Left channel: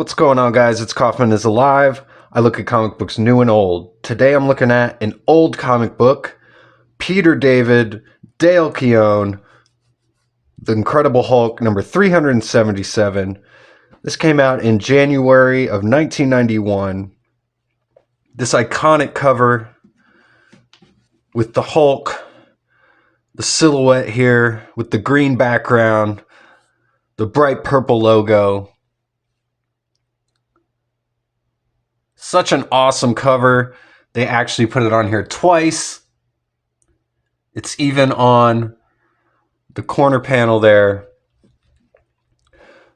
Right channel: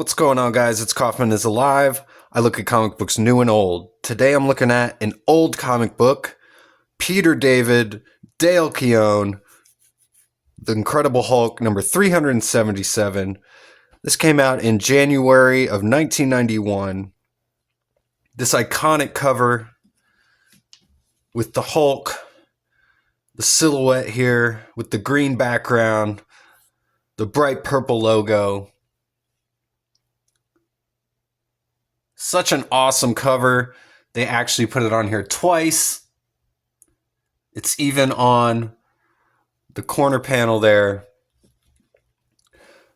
What's going on, guys? It's Kaufman is Alive. I look at comic books new and old. Today I'm looking at an old comic book, Peter David, Dale Keown, The Incredible Hulk, number 377. This came out in January of 1991. This iconic cover with the Hulk, the silhouette here with the green background, the bright purple logo. Such an awesome cover. They actually put it on here twice. It's even on the corner panel there.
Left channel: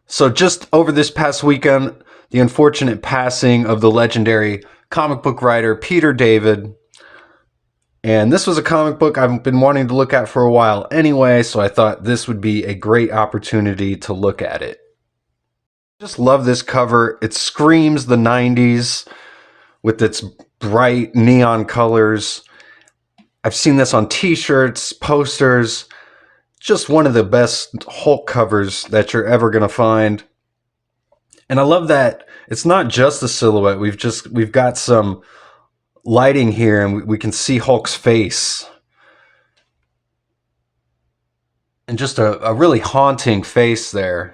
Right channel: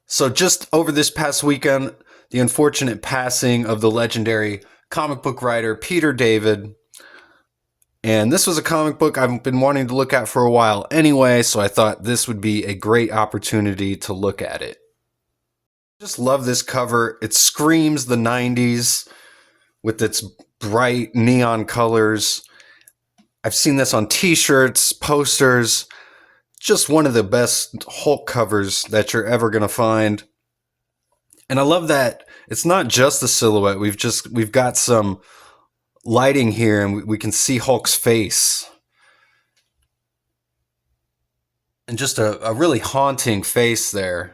So just over this past weekend, the unfortunate passing of the legendary comic book writer Peter David. And this was a comic book I've been wanting to look at for a while anyway, so I thought this would be a great opportunity to look at it. Just love this cover. It screams the 90s with its bright neon colors. I've seen this on t-shirts, posters. Just one of the best Hulk covers that you're ever going to find. And I love that it's not just the silhouette. We've got some lighting here and we can see Hulk's face. And just a really haunting face there.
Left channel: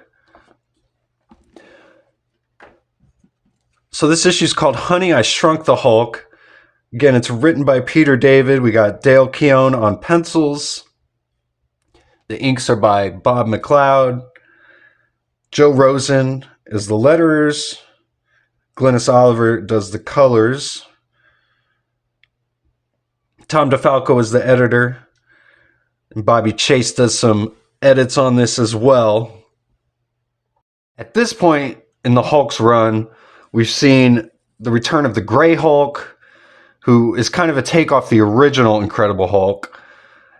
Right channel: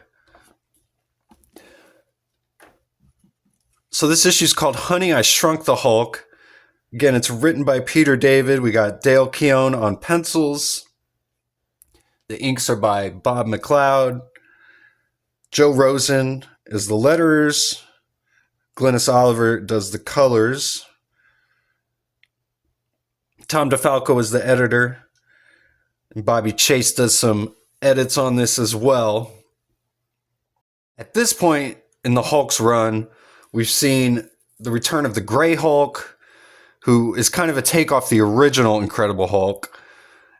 So this issue is called Honey, I Shrunk the Hulk. Again, it's written by Peter David. We got Dale Keown on pencils. The inks are by Bob McLeod. Joe Rosen is the letterers. Glynis Oliver does the colors. Tom DeFalco is the editor. And Bobby Chase does some edits on this as well. At this point in the Hulk's run, we've seen the return of the Gray Hulk, who is kind of a take off the original Incredible Hulk.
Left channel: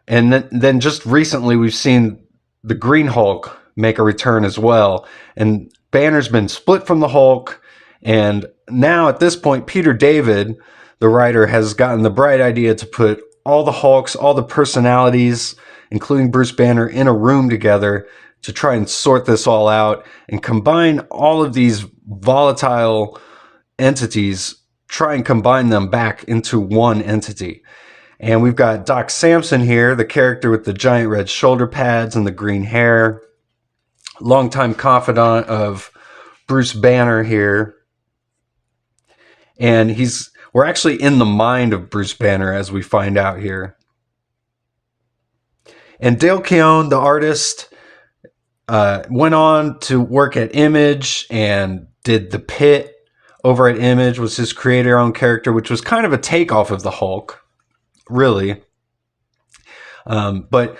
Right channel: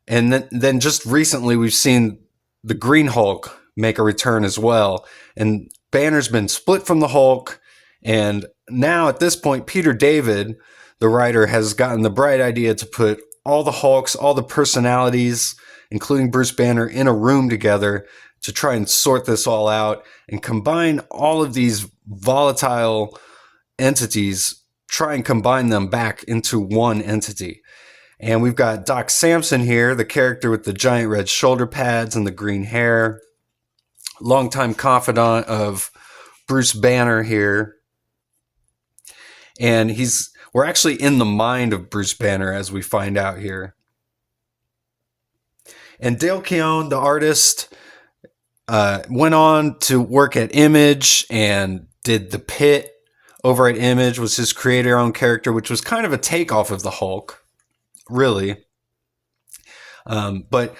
And then just recently, we've seen the Green Hulk make a return as well. And Banner's been split from the Hulk. And now at this point, Peter David, the writer, has gotten the bright idea to put all the Hulks, all the personalities, including Bruce Banner, in a room together to try and sort this all out and combine all of these volatile entities, try and combine them back into one entity. And we've got Doc Samson here, the character with the giant red shoulder pads and the green hair, longtime confidant of Bruce Banner here. And we're actually in the mind of Bruce Banner, as we find out here. And Dale Keown, the artist, went on to work at Image and did The Pit over at Image, was his creator-owned character, which was kind of a takeoff of the Hulk, really. But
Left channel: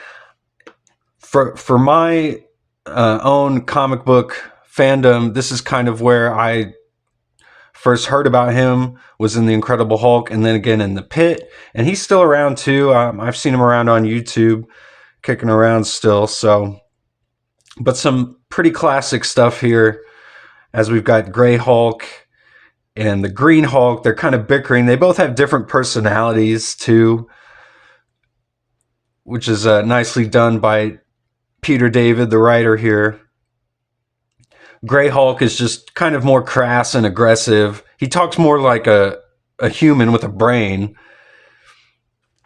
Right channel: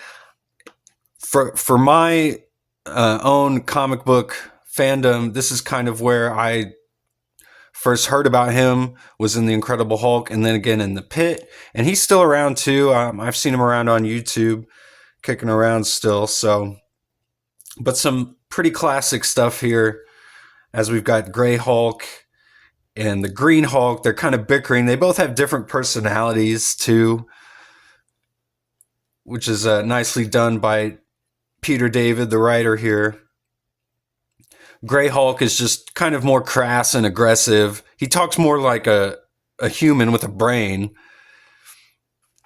for my own comic book fandom, this is kind of where I first heard about him, was in The Incredible Hulk, and then again in The Pit. And he's still around too. I've seen him around on YouTube, kicking around still. But some pretty classic stuff here, as we've got Gray Hulk and the Green Hulk. They're kind of bickering. They both have different personalities too, which is nicely done by Peter David, the writer here. Gray Hulk is just kind of more crass and aggressive. He talks more like a human with a brain,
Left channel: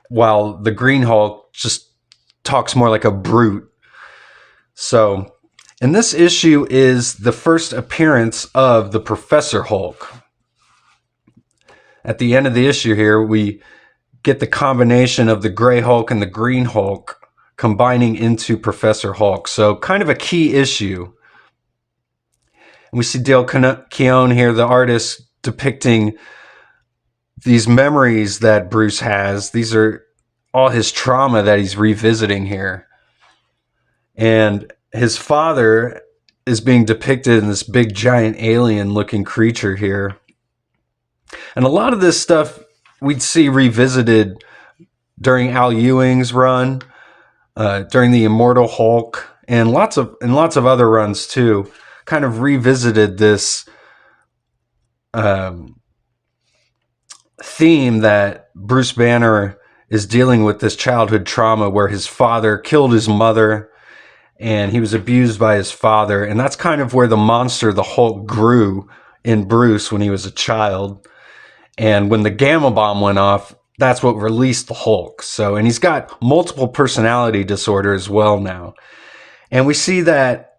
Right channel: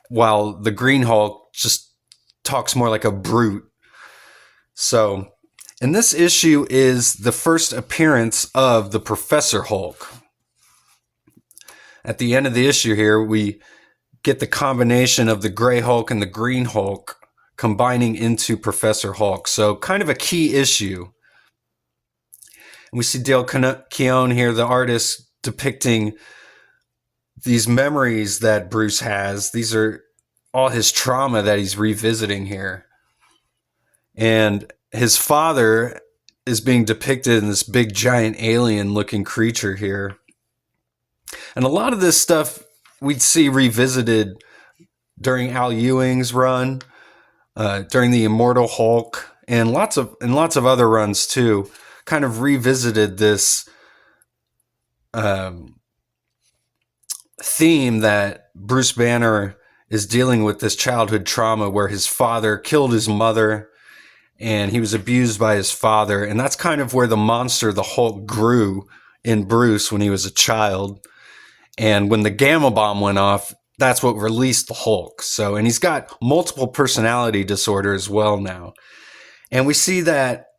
while the Green Hulk just talks more like a brute. So, and this issue is the first appearance of the Professor Hulk. At the end of the issue here, we get the combination of the Gray Hulk and the Green Hulk combining into Professor Hulk. So kind of a key issue. And we see Dale Keown here, the artist, depicting these memories that Bruce has. These are all his trauma that he's revisiting here. And his father is being depicted in this big giant alien looking creature here. And a lot of this stuff we'd see revisited during Al Ewing's run, during the Immortal Hulk, and lots of other runs too, kind of revisited this theme that Bruce Banner is dealing with, this childhood trauma where his father killed his mother. and he was abused by his father. And that's kind of where the monster, the Hulk, grew in Bruce when he was a child. And when the gamma bomb went off, that's what released the Hulk. So, and he's got multiple personality disorder as well now. And we see that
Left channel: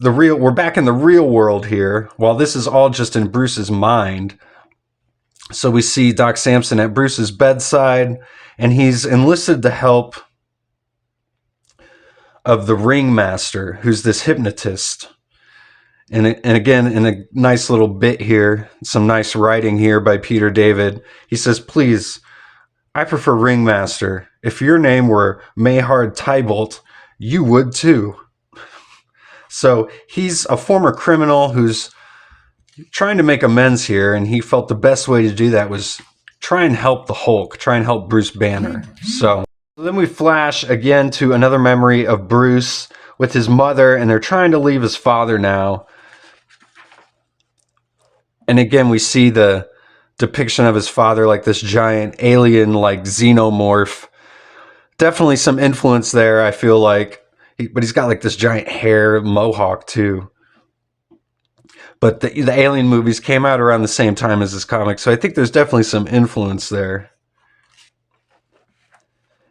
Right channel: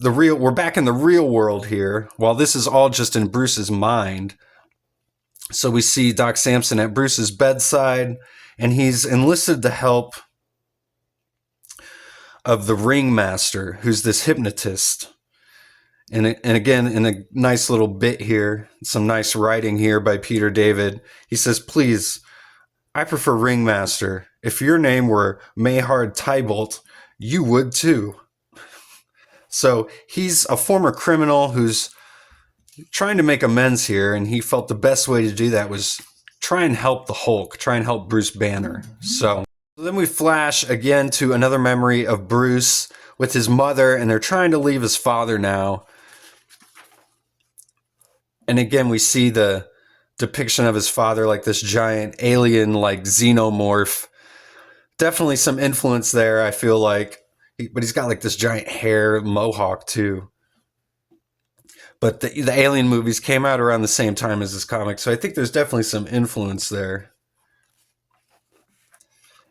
we're back in the real world here, while this is all just in Bruce's mind. So we see Doc Samson at Bruce's bedside, and he's enlisted the help of the ringmaster, who's this hypnotist. And again, in a nice little bit here, some nice writing here by Peter David, he says, "Please, I prefer ringmaster. If your name were Mayhard Tybalt, you would too." So he's a former criminal who's trying to make amends here, and he felt the best way to do that was try and help the Hulk, try and help Bruce Banner. So then we flash again to another memory of Bruce with his mother, and they're trying to leave his father now. And again, we see the depiction of his father like this giant alien, like xenomorph. Definitely some influence there, I feel like. But he's got like this giant hair mohawk too. But the Alien movies came out around the same time as this comic, so I think there's definitely some influence there.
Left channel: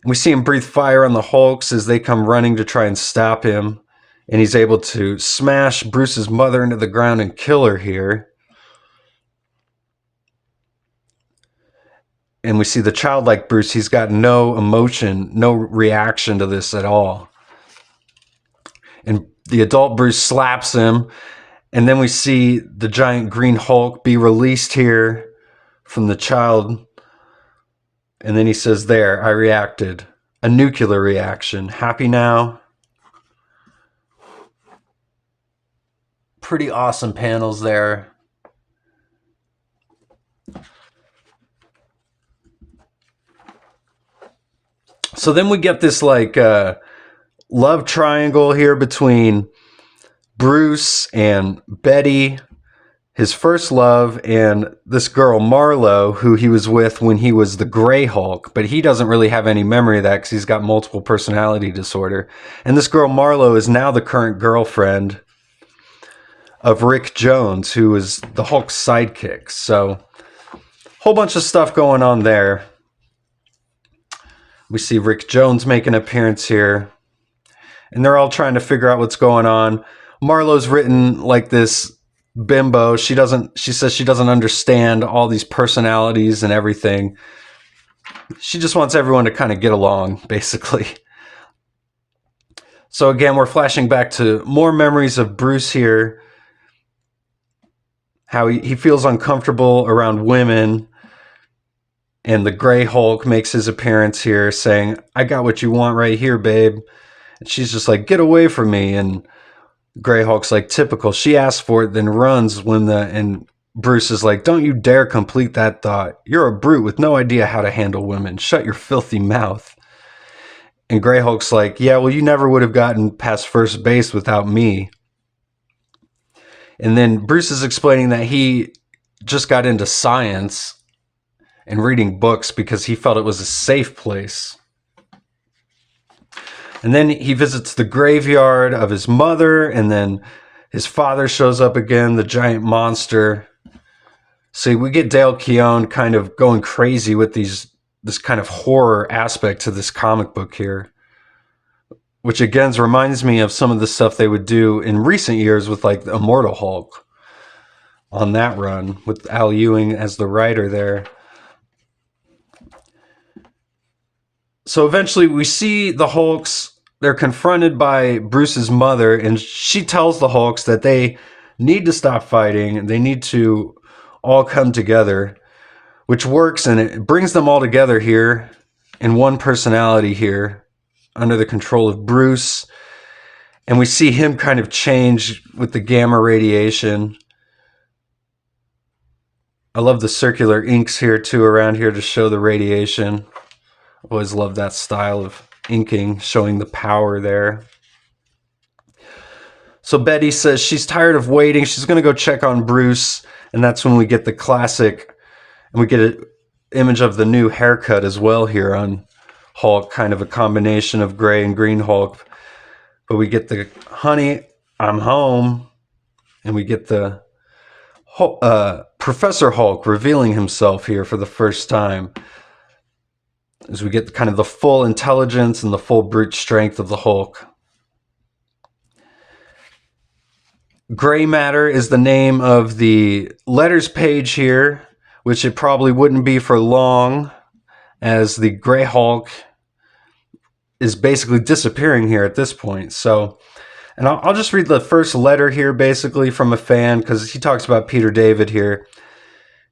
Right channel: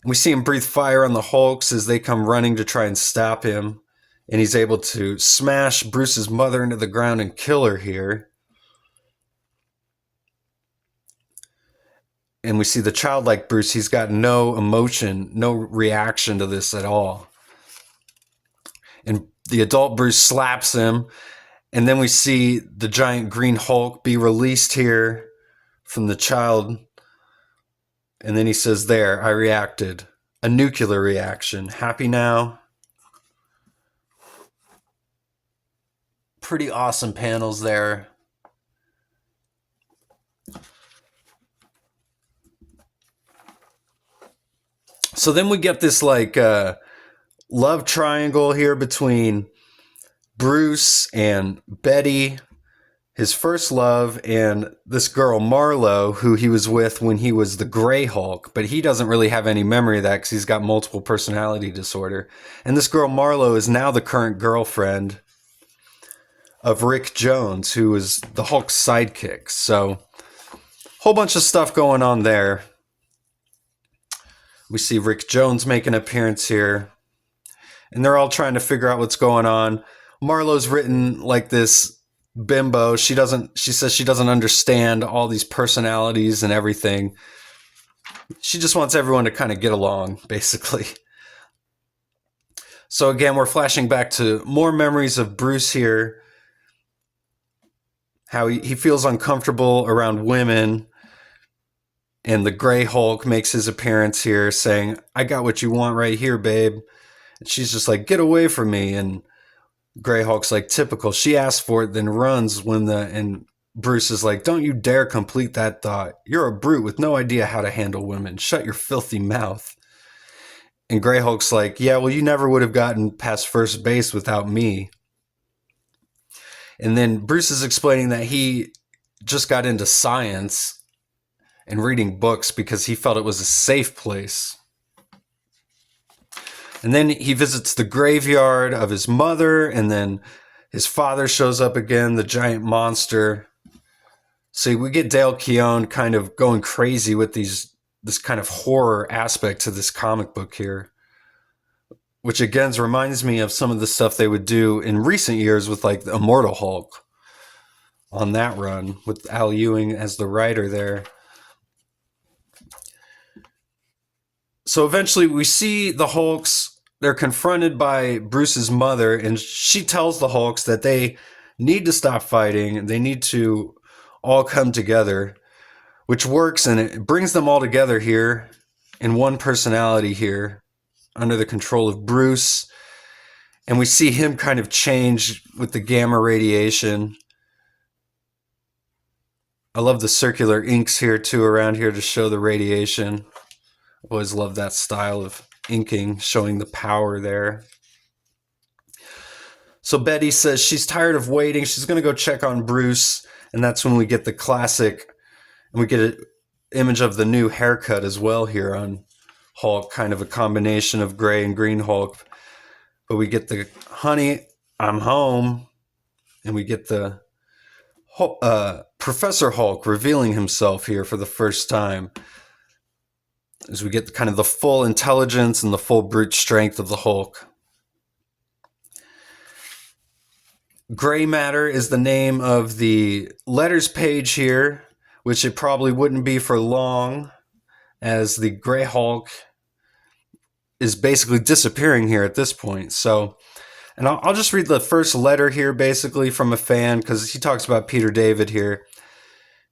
We see him breathe fire on the Hulks as they come running to try and stop him. And he's able to smash Bruce's mother into the ground and kill her here. And we see the childlike Bruce, he's got no emotion, no reaction to this at all. And the adult Bruce slaps him. And then we see the giant green Hulk be released here from the child. And then he says, "There, I reacted. A nuclear reaction. Happy now?" Pretty awesome panels there. So then we get this like love triangle here between Bruce and Betty, his first love, and this girl Marlo, who he was with when he was the Gray Hulk, but he doesn't really have any memory of that because he's got multiple personality disorder. And this girl Marlo is now the current girlfriend of Rick Jones, who is the Hulk's sidekick. So whole bunch of stuff going on there. We see Rick Jones make an appearance here, and they're all trying to figure out what's going on. Marlo's written like this bimbo. She says she doesn't understand all these personalities and everything. She just wants everyone to kind of get along, basically. So again, we're flashing back to more memories of Bruce here. How he feels uncomfortable around women. And the Gray Hulk makes his appearance here saying, "I got what you want right here, babe." And she's just like, "Get away from me." And Gray Hulk's like, "Typical. She asks for it, then runs and Bruce is like, "Don't you dare complete that thought. You're a brute with no idea how to handle women. Shut your filthy mouth." And Gray Hulk's like, "Yeah, well, you never would have gotten past first base without me." And then Bruce is explaining that he just got into science and reading books because he felt it was a safe place. And then he visits the graveyard of his mother, and then his father shows up again, the giant monster. So we get Dale Keown kind of going crazy with this kind of horror aspect to this comic book here, which again reminds me of some of the stuff they would do in recent years with like the Immortal Hulk on that run with Al Ewing as the writer there. So eventually we see the Hulks, they're confronted by Bruce's mother, and she tells the Hulks that they need to stop fighting. They need to all come together, which works, and it brings them all together here in one personality here under the control of Bruce. And we see him kind of change with the gamma radiation. I love the circular inks here too around here to show the radiation. Always love that style of inking, showing the power there. So Betty says she's tired of waiting. She's going to go check on Bruce. And that's when we get the classic, and we get an image of the new haircut as well here on Hulk, kind of a combination of gray and green Hulk. But we get the "Honey, I'm home," and we get the Professor Hulk revealing himself here for the first time, as we get kind of the full intelligence and the full brute strength of the Hulk. Gray matter is the name of the letters page here, which it probably wouldn't be for long, as the Gray Hulk is basically disappearing here at this point. So, and I'll just read the first letter here basically from a fan, because he talks about Peter David here.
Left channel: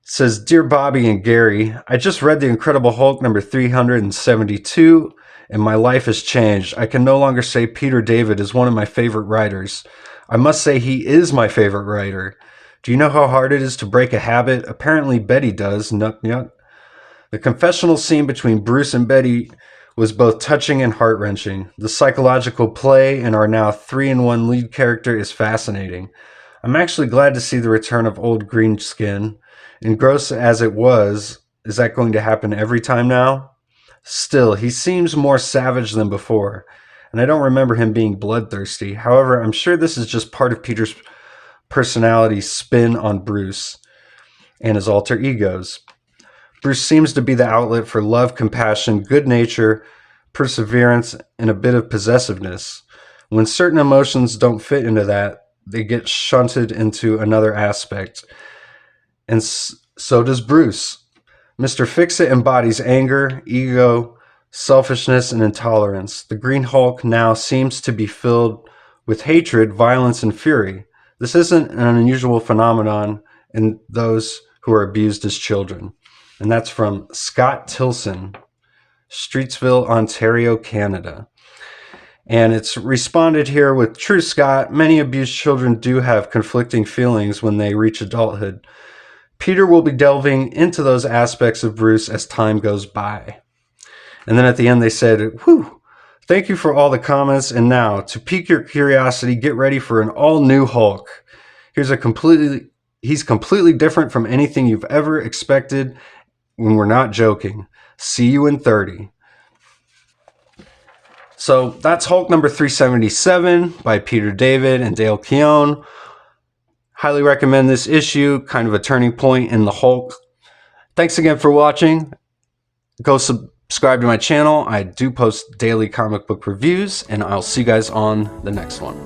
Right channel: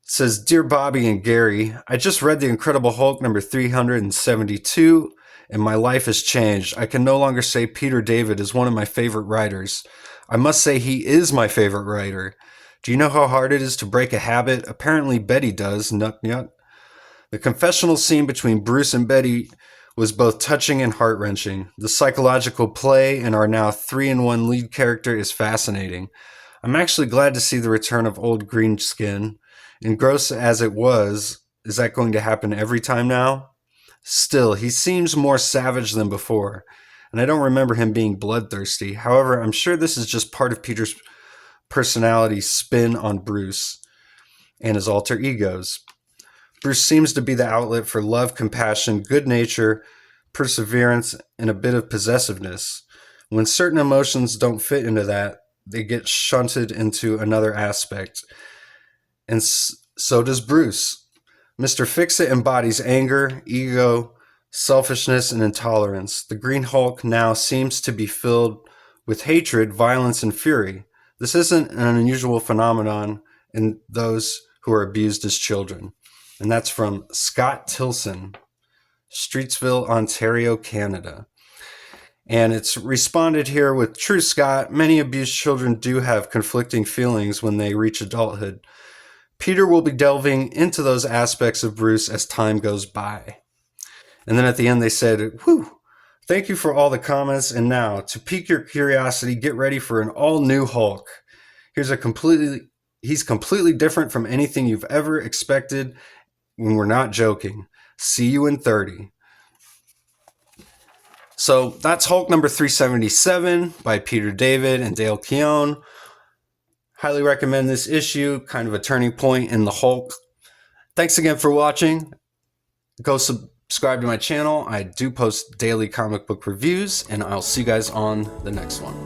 It says, "Dear Bobby and Gary, I just read The Incredible Hulk number 372, and my life has changed. I can no longer say Peter David is one of my favorite writers. I must say he is my favorite writer. Do you know how hard it is to break a habit? Apparently Betty does. Nuck nuck. The confessional scene between Bruce and Betty was both touching and heart-wrenching. The psychological play in our now 3-in-1 lead character is fascinating. I'm actually glad to see the return of old Greenskin. And gross as it was, is that going to happen every time now? Still, he seems more savage than before, and I don't remember him being bloodthirsty. However, I'm sure this is just part of Peter's personality spin on Bruce and his alter egos. Bruce seems to be the outlet for love, compassion, good nature, perseverance, and a bit of possessiveness. When certain emotions don't fit into that, they get shunted into another aspect. And so does Bruce. Mr. Fix-It embodies anger, ego, selfishness, and intolerance. The Green Hulk now seems to be filled with hatred, violence, and fury. This isn't an unusual phenomenon in those who are abused as children. And that's from Scott Tilson, Streetsville, Ontario, Canada. And it's responded here with, "True, Scott, many abused children do have conflicting feelings when they reach adulthood. Peter will be delving into those aspects of Bruce as time goes by." And then at the end they said, "Whew, thank you for all the comments. And now, to pique your curiosity, get ready for an all-new Hulk. He's completely different from anything you've ever expected, when we're not joking. See you in 30. So that's Hulk number 377 by Peter David and Dale Keown. Highly recommend this issue, kind of a turning point in the Hulk. Thanks again for watching. Go subscribe to my channel. I do post daily comic book reviews, and I'll see you guys on the next one.